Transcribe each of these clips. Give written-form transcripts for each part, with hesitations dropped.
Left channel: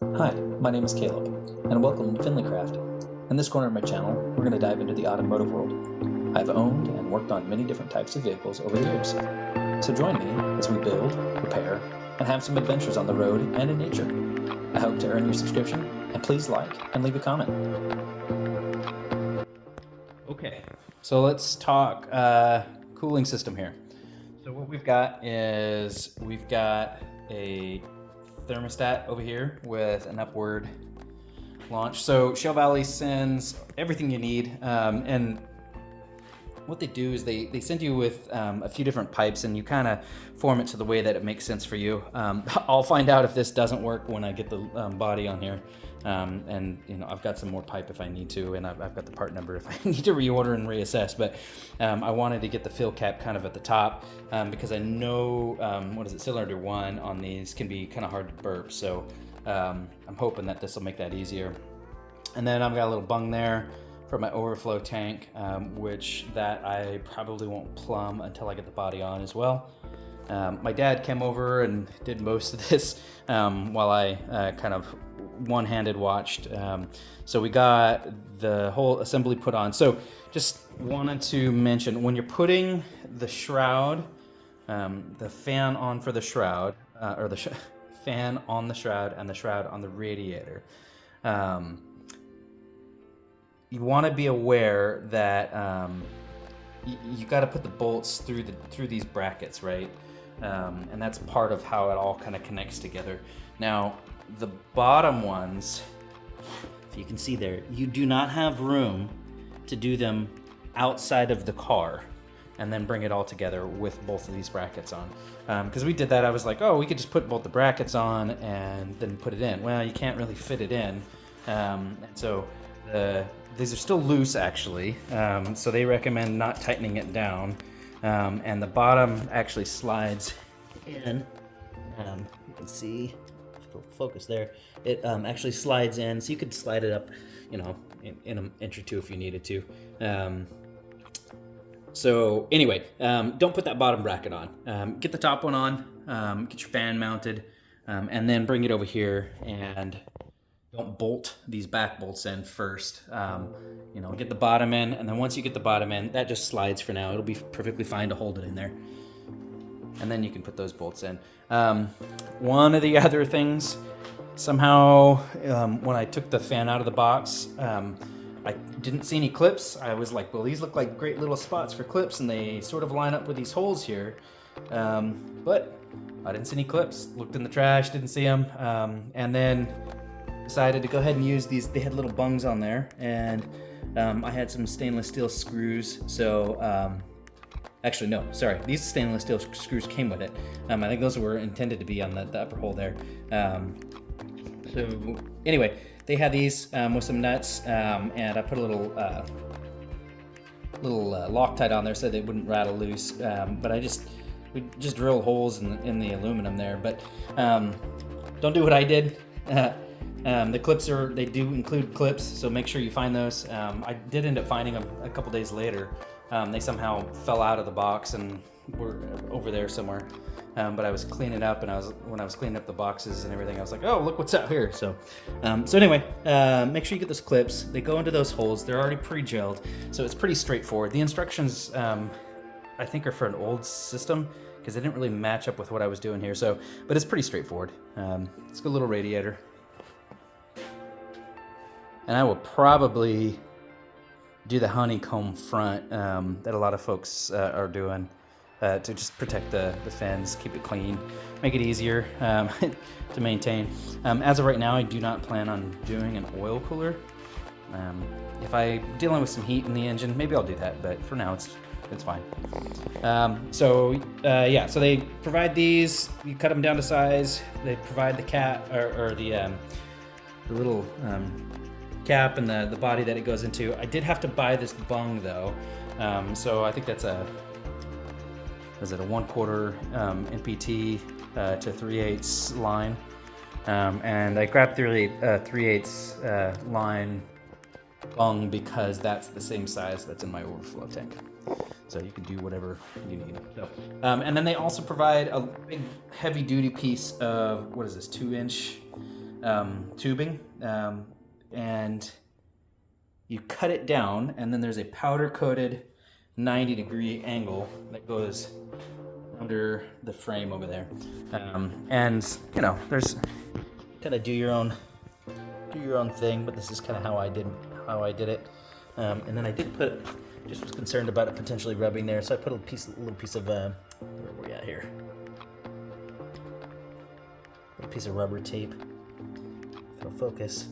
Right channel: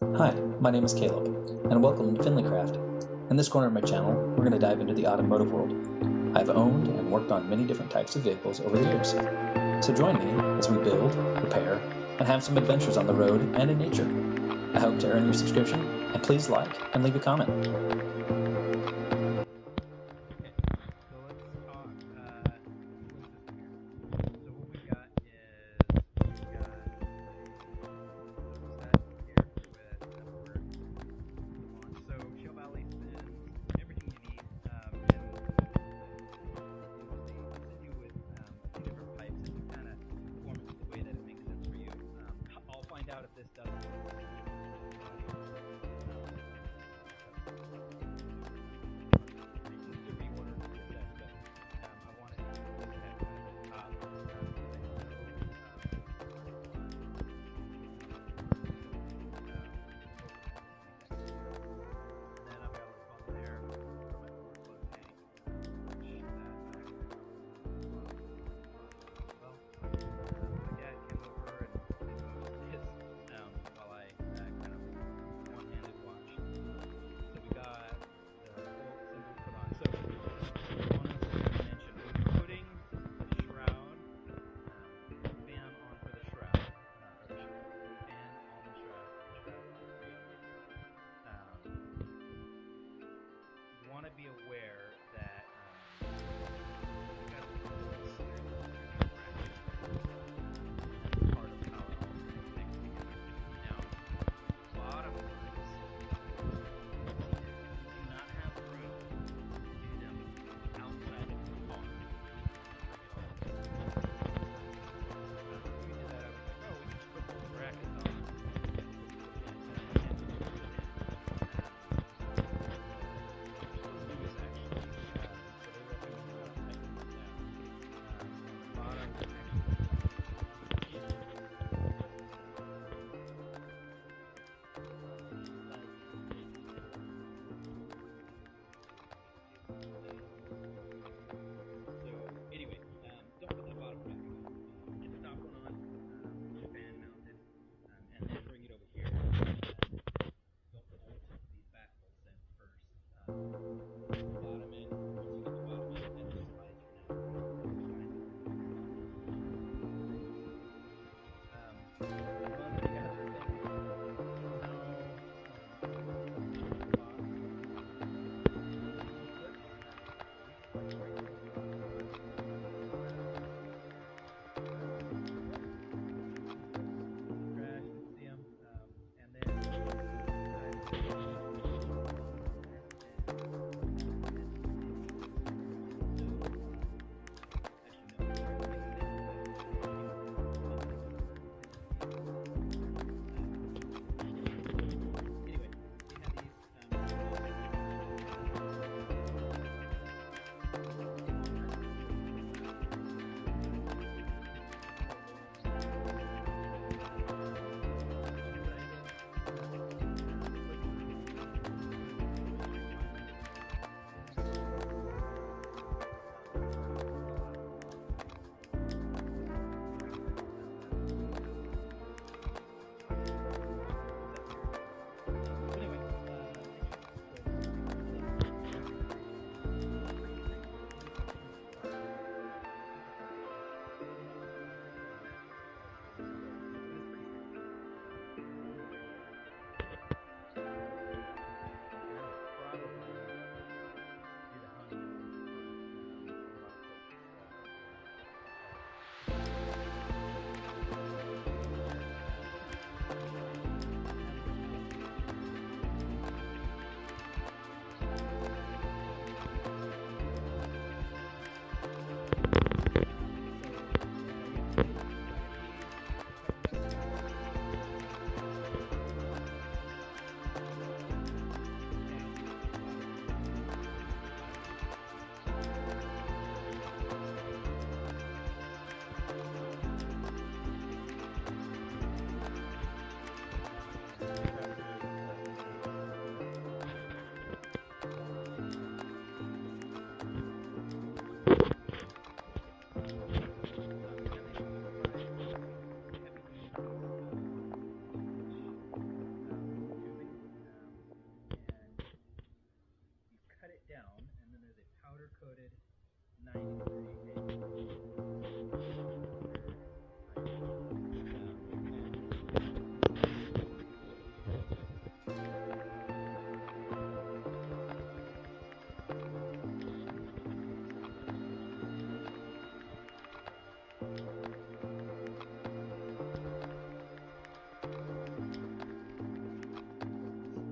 Hi, my name is Caleb, and welcome to Finleycraft. In this corner of my channel, we're going to dive into the automotive world. I've owned and worked on many different types of vehicles over the years. So join me as we build, repair, and have some adventures on the road and in nature. I hope to earn your subscription, and please like and leave a comment. Okay, so let's talk cooling system here. So what we've got is we've got a thermostat over here with an upward launch. So Shell Valley sends everything you need, and what they do is they send you with a few different pipes, and you kind of form it to the way that it makes sense for you. I'll find out if this doesn't work when I get the body on here. And I've got some more pipe if I need to, and I've got the part number if I need to reorder and reassess. But I wanted to get the fill cap kind of at the top because I know cylinder one on these can be kind of hard to burp. So I'm hoping that this will make that easier. And then I've got a little bung there for my overflow tank, which that I probably won't plumb until I get the body on as well. My dad came over and did most of this while I kind of one-handed watched. So we got the whole assembly put on. So just wanted to mention, when you're putting the shroud, the fan on for the shroud, or the fan on the shroud and the shroud on the radiator, you want to be aware that you got to put the bolts through these brackets, right? And that's part of how it all kind of connects together. Now, the bottom ones, if you can see there, you do not have room to do them outside of the car and then bring it all together with both of these brackets on. Because we did that, I was like, oh, we could just put both the brackets on and then put it in. Well, you can't really fit it in. So these are still loose, actually. So they recommend not tightening it down. And the bottom actually slides in. You can see, focus there. It actually slides in, so you could slide it up, in an inch or two if you needed to. So anyway, don't put that bottom bracket on. Get the top one on, get your fan mounted, and then bring it over here and don't bolt these back bolts in first. Get the bottom in, and then once you get the bottom in, that just slides for now. It'll be perfectly fine to hold it in there. And then you can put those bolts in. One of the other things, somehow, when I took the fan out of the box, I didn't see any clips. I was like, well, these look like great little spots for clips, and they sort of line up with these holes here. But I didn't see any clips. Looked in the trash, didn't see them. And then decided to go ahead and use these. They had little bungs on there, and I had some stainless steel screws. So actually, no, sorry. These stainless steel screws came with it. I think those were intended to be on the upper hole there. So anyway, they had these with some nuts, and I put a little Loctite on there so they wouldn't rattle loose. But I just drill holes in the aluminum there. But don't do what I did. The clips they do include clips, so make sure you find those. I did end up finding them a couple days later. They somehow fell out of the box and were over there somewhere. But I was cleaning up, and when I was cleaning up the boxes and everything, I was like, oh, look what's out here. So anyway, make sure you get those clips. They go into those holes. They're already pre-gelled, so it's pretty straightforward. The instructions, I think, are for an old system, because they didn't really match up with what I was doing here. But it's pretty straightforward. It's got a little radiator. And I will probably do the honeycomb front that a lot of folks are doing to just protect the fins, keep it clean, make it easier to maintain. As of right now, I do not plan on doing an oil cooler. If I'm dealing with some heat in the engine, maybe I'll do that, but for now it's fine. So they provide these. You cut them down to size. They provide the cap or the little cap and the body that it goes into. I did have to buy this bung though, so I think that's a 1/4 NPT to 3/8 line, and I grabbed 3/8 line bung because that's the same size that's in my overflow tank. So you can do whatever you need. And then they also provide a big heavy duty piece of, 2-inch tubing, and you cut it down, and then there's a powder coated 90-degree angle that goes under the frame over there. And you know, there's kind of do your own thing, but this is kind of how I did it. And then I did just was concerned about it potentially rubbing there, so I put a little piece of where are we at here? A piece of rubber tape. It'll focus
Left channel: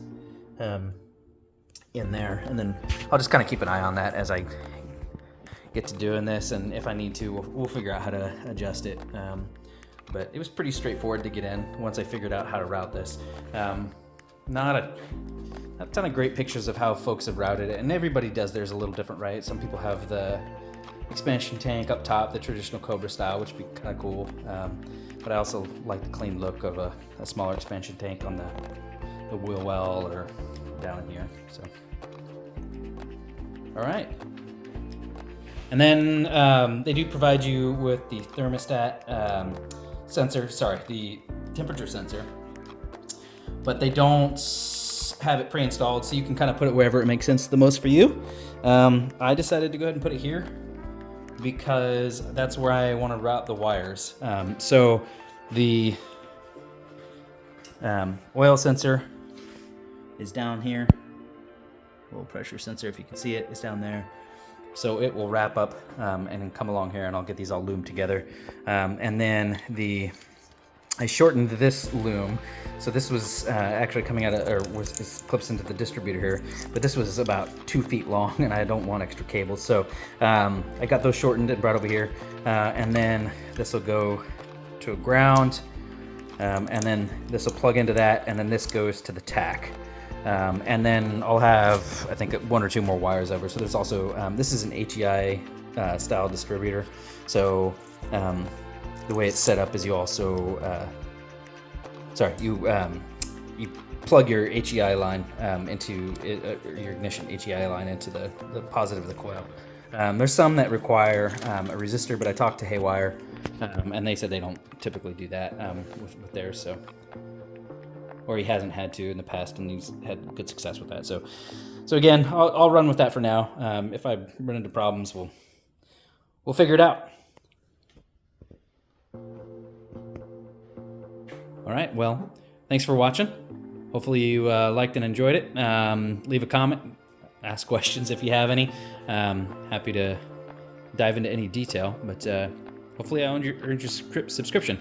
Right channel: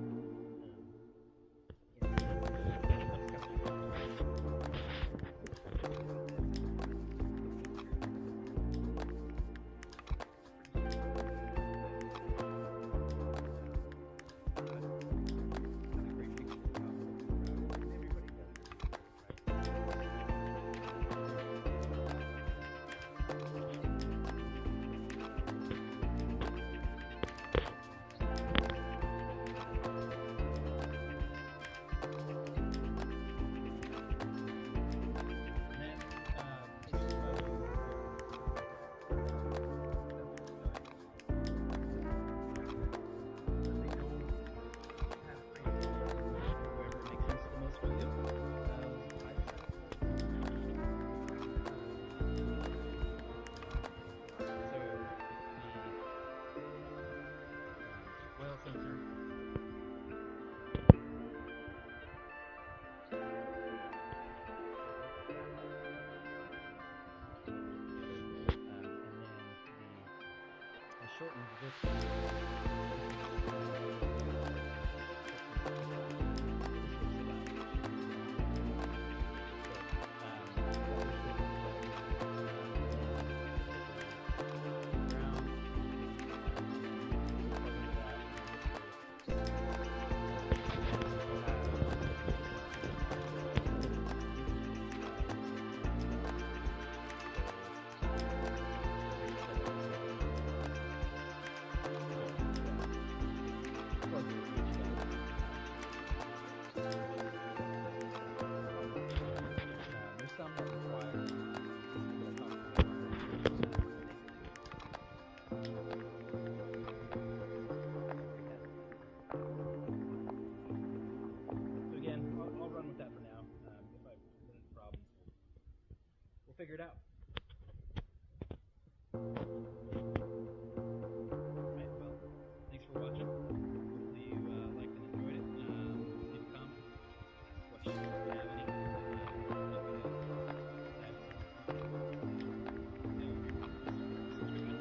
in there, and then I'll just kind of keep an eye on that as I get to doing this, and if I need to, we'll figure out how to adjust it. But it was pretty straightforward to get in once I figured out how to route this. Not a ton of great pictures of how folks have routed it, and everybody does theirs a little different, right? Some people have the expansion tank up top, the traditional Cobra style, which would be kind of cool. But I also like the clean look of a smaller expansion tank on the wheel well or down in here. So, all right. And then they do provide you with the thermostat the temperature sensor, but they don't have it pre-installed, so you can kind of put it wherever it makes sense the most for you. I decided to go ahead and put it here because that's where I want to route the wires. So the oil sensor is down here. Low pressure sensor, if you can see it, is down there. So it will wrap up and then come along here, and I'll get these all loomed together. And then I shortened this loom. So this was actually coming out of, this clips into the distributor here, but this was about 2 feet long, and I don't want extra cables. So I got those shortened and brought over here. And then this will go to a ground, and then this will plug into that, and then this goes to the tack. And then I'll have, I think, 1 or 2 more wires over. So there's also, this is an HEI style distributor. So the way it's set up is you also, you plug your HEI line into your ignition HEI line into the positive of the coil. There's some that require a resistor, but I talked to Haywire, and they said they don't typically do that with theirs. So. Or he hasn't had to in the past, and he's had good success with that. So again, I'll run with that for now. If I run into problems, we'll figure it out. All right. Well, thanks for watching. Hopefully you liked and enjoyed it. Leave a comment, ask questions if you have any. Happy to dive into any detail, but hopefully I earned your subscription.